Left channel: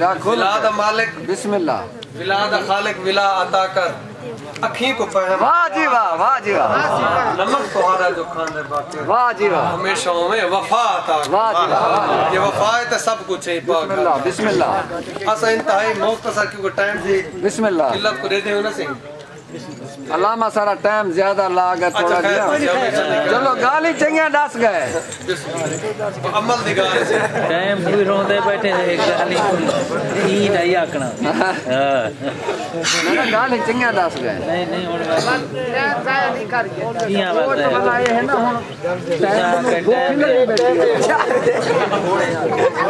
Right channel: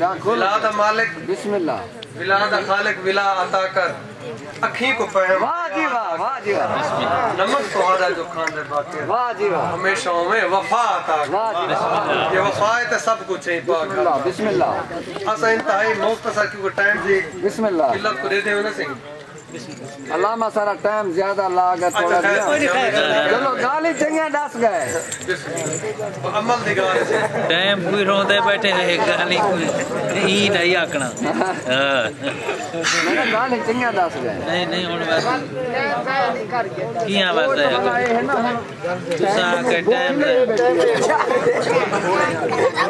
Villa दा मालिक बिस्मिल्लाह, villa दा खालिक विला अता कर अखी को पहम। वाह जी वाह, वाह जी वाह, नमक तुम्हारा जो खाने बाकी वाह जी वाह, हमेशा में वफा अता कर। वाह जी वाह, ये वफा है तो सब कुछ है पाक। बिस्मिल्लाह, बिस्मिल्लाह, असा इंतहाई मुख्तसर क्योंकि टाइम जी बिस्मिल्लाह। किल्लत को दे दे ना सही। अलामा सारा टाइम ज्यादा लाग है थोड़ा अच्छा, दिया। खैर। चलो गाली चंगे दस गए। अमल दी गाल से टाइम पूरी रोंदे बैठे ने गाली ई नहीं आकना। मैंने गाली चंगे दस गए। नहीं नहीं हुन किया बात है बनाए है ना हुन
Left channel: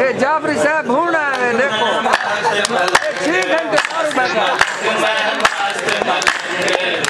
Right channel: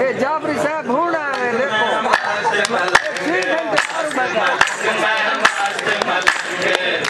ए जाफरी साहब भूना है देखो 6 Hey!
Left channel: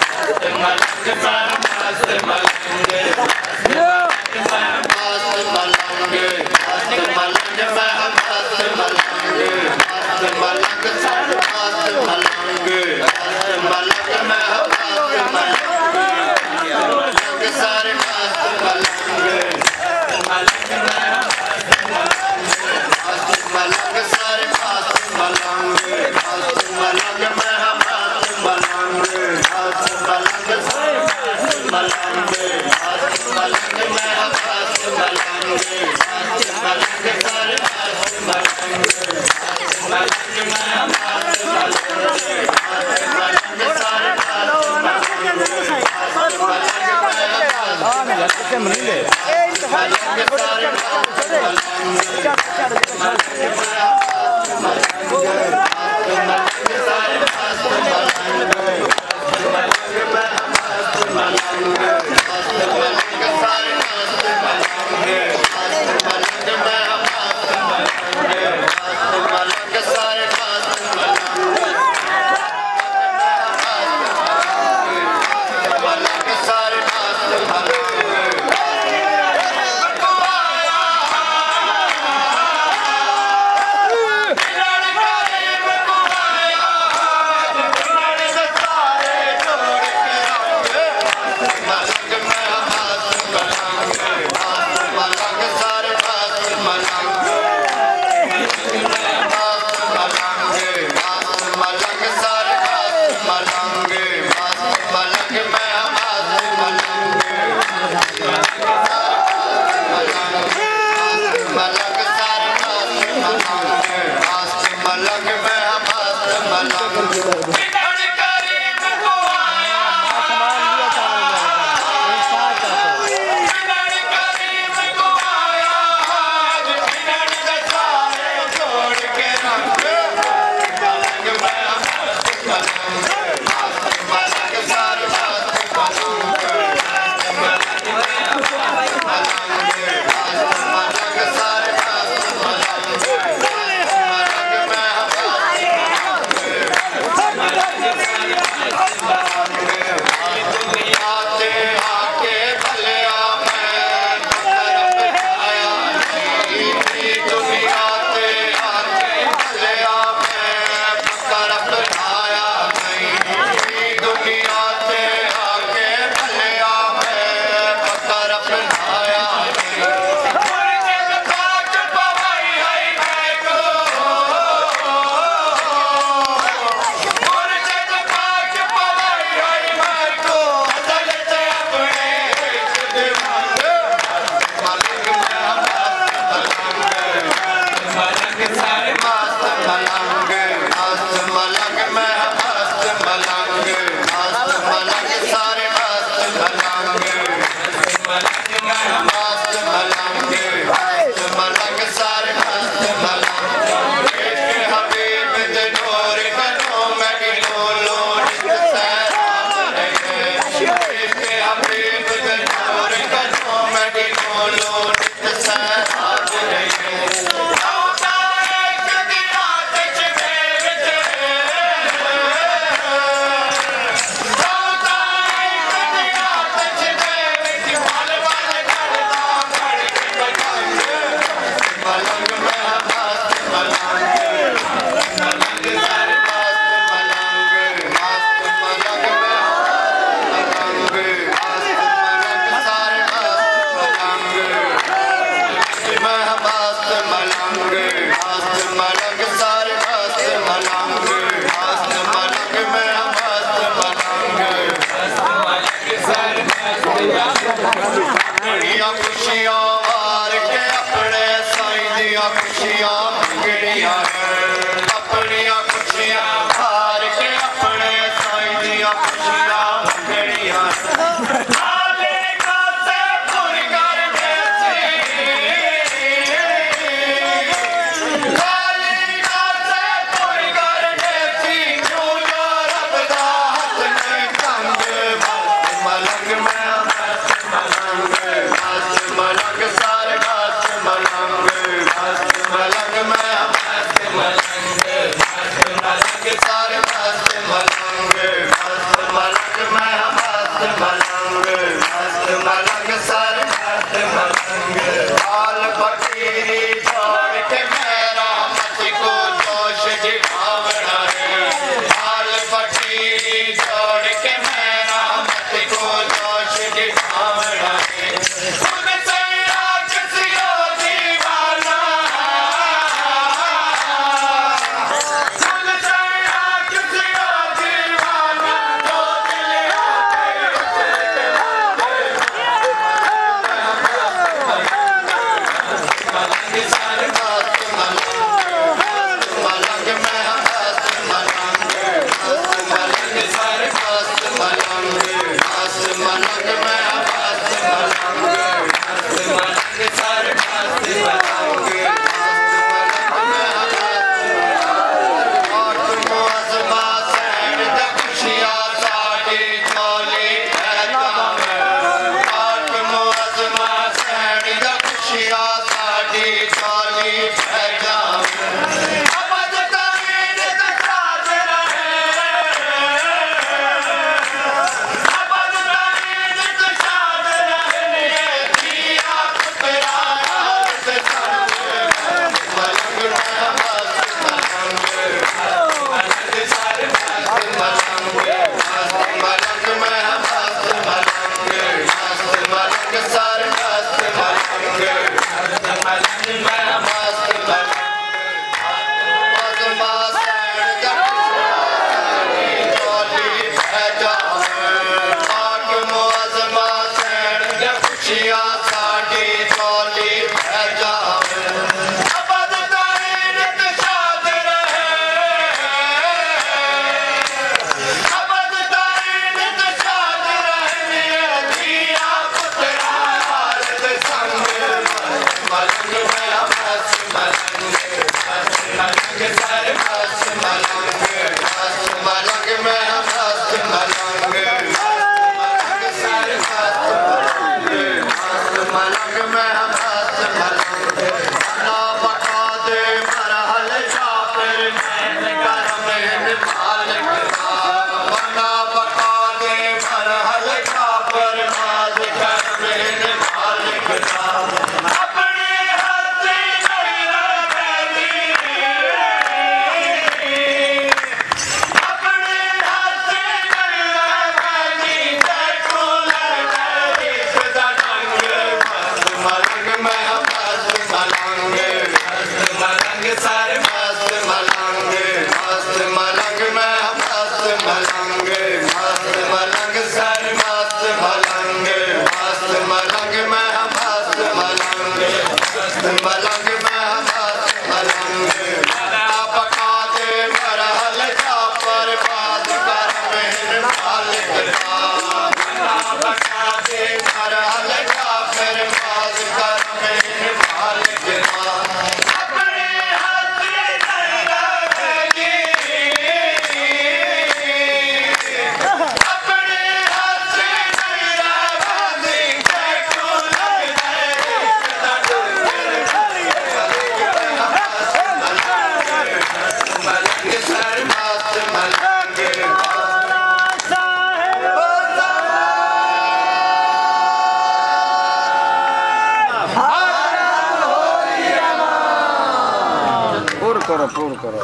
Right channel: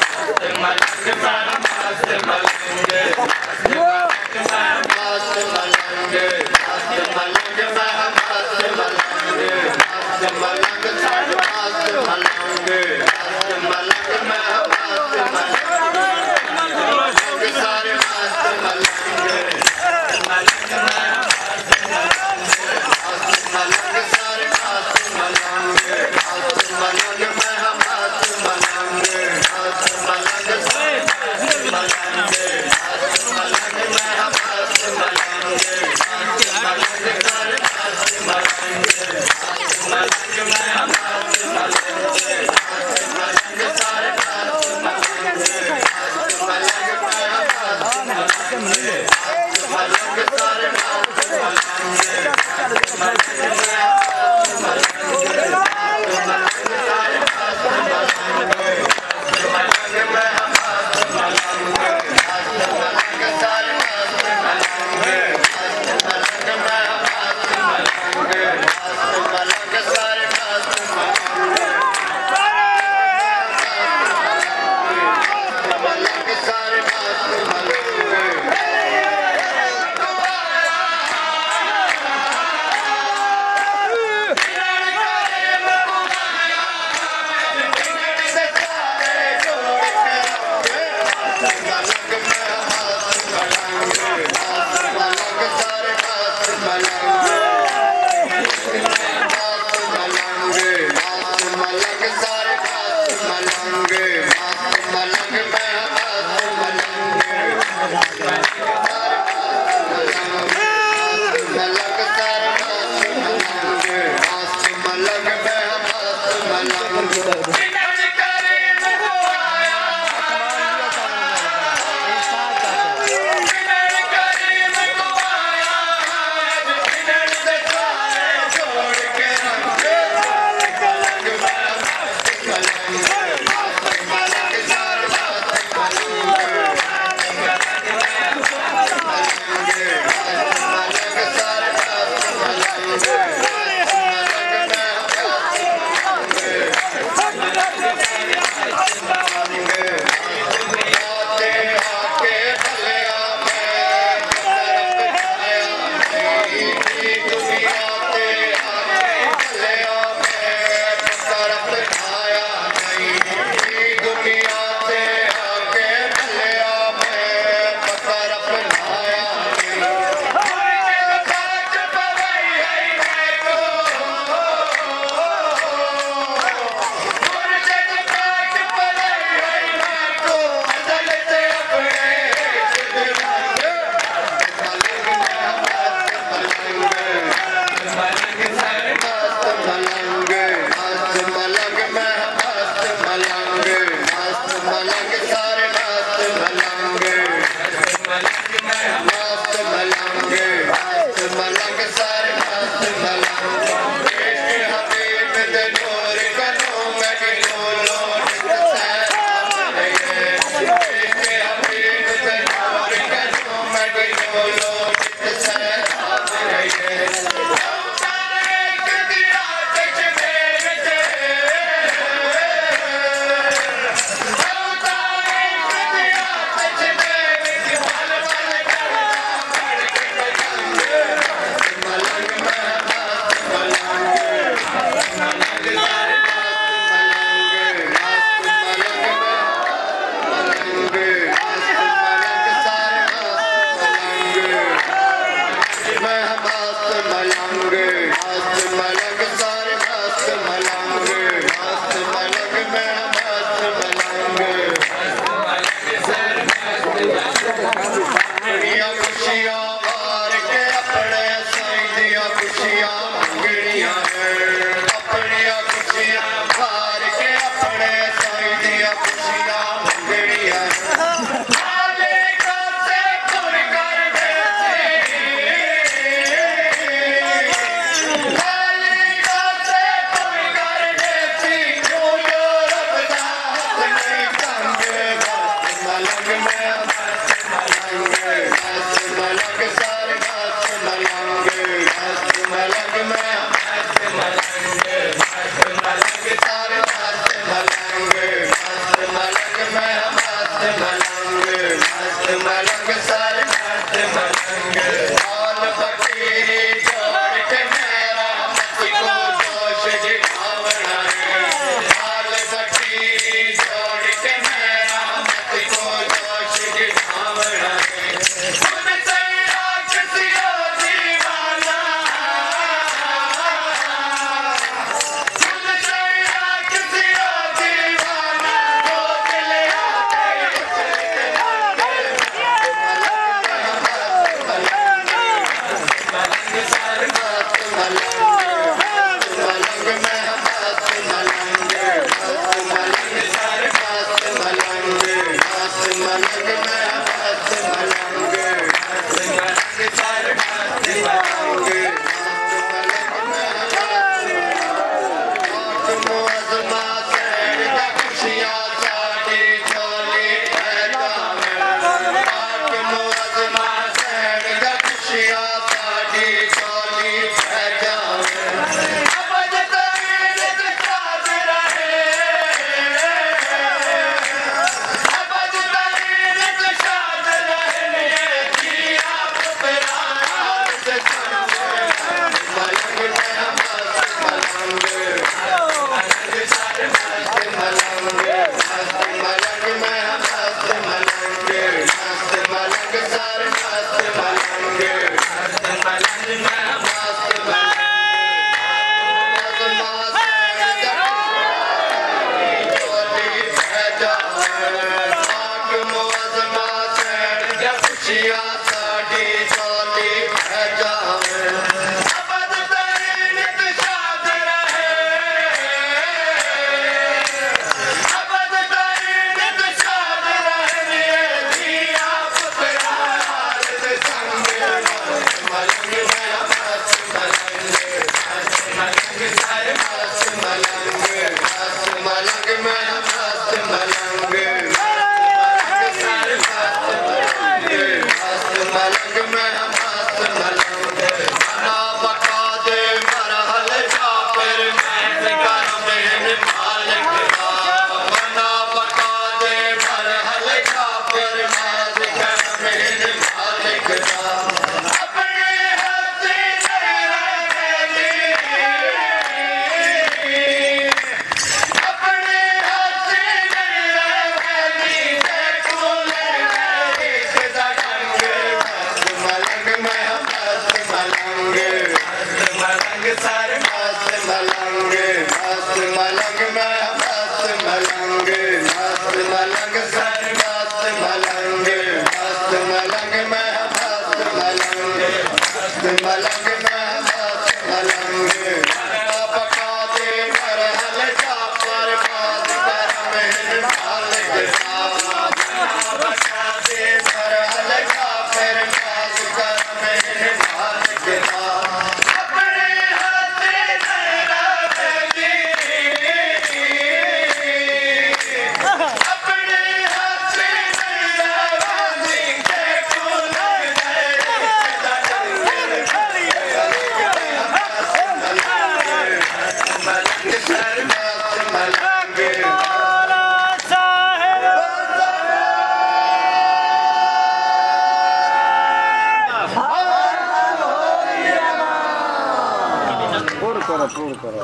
पूर्ण करो